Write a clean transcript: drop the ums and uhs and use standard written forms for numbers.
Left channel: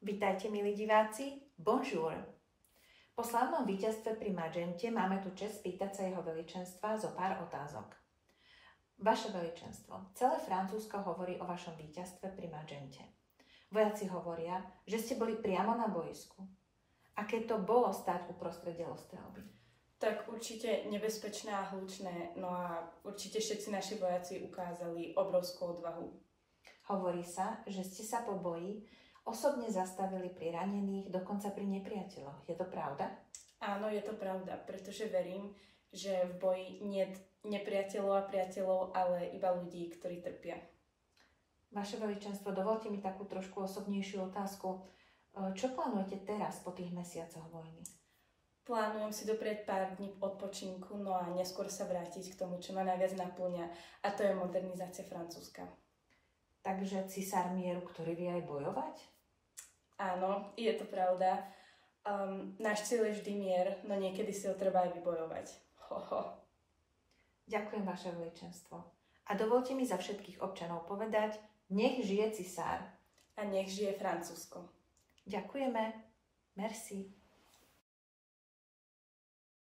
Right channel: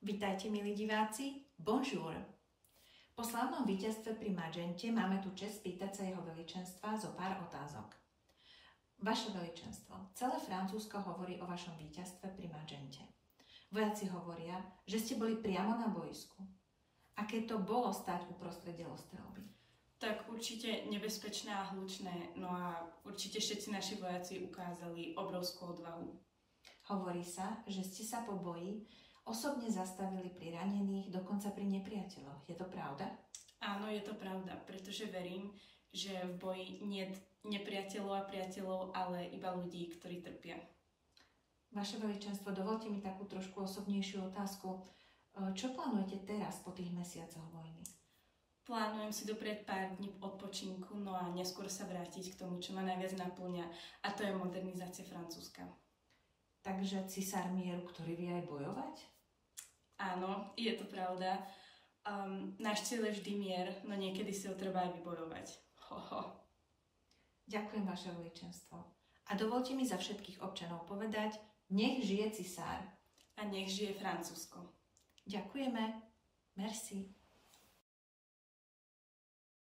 Vitajte, milí diváci, bonjour. Po slávnom víťazstve pri Magente máme tu čest spýtať sa jeho veličenstva zo pár otázok. Vaše veličenstvo, celé Francúzsko hovorí o vašom víťazstve pri Magente. Vojaci hovoria, že ste boli priamo na bojsku. Aké to bolo stať uprostred delostrelby? Tak určite nebezpečné a hlučné, no a určite všetci naši vojaci ukázali obrovskú odvahu. Hovorí sa, že ste sa po boji osobne zastavili pri ranených, dokonca pri nepriateľoch. Je to pravda? Áno, je to pravda, pretože verím, že v boji niet nepriateľov a priateľov, ale iba ľudí, ktorí trpia. Vaše veličenstvo, dovolte mi takú trošku osobnejšiu otázku. Čo plánujete teraz po tých mesiacoch vojny? Plánujem si doprieť pár dní odpočinku, no a neskôr sa vrátiť k tomu, čo ma najviac naplňa, a to je modernizácia Francúzska. Takže cisár mieru, ktorý vie aj bojovať? Áno, je to pravda. Náš cieľ je vždy mier, no niekedy si ho treba aj vybojovať. Ďakujem, vaše veličenstvo. A dovolte mi za všetkých občanov povedať, nech žije cisár. A nech žije Francúzsko. Ďakujeme. Merci.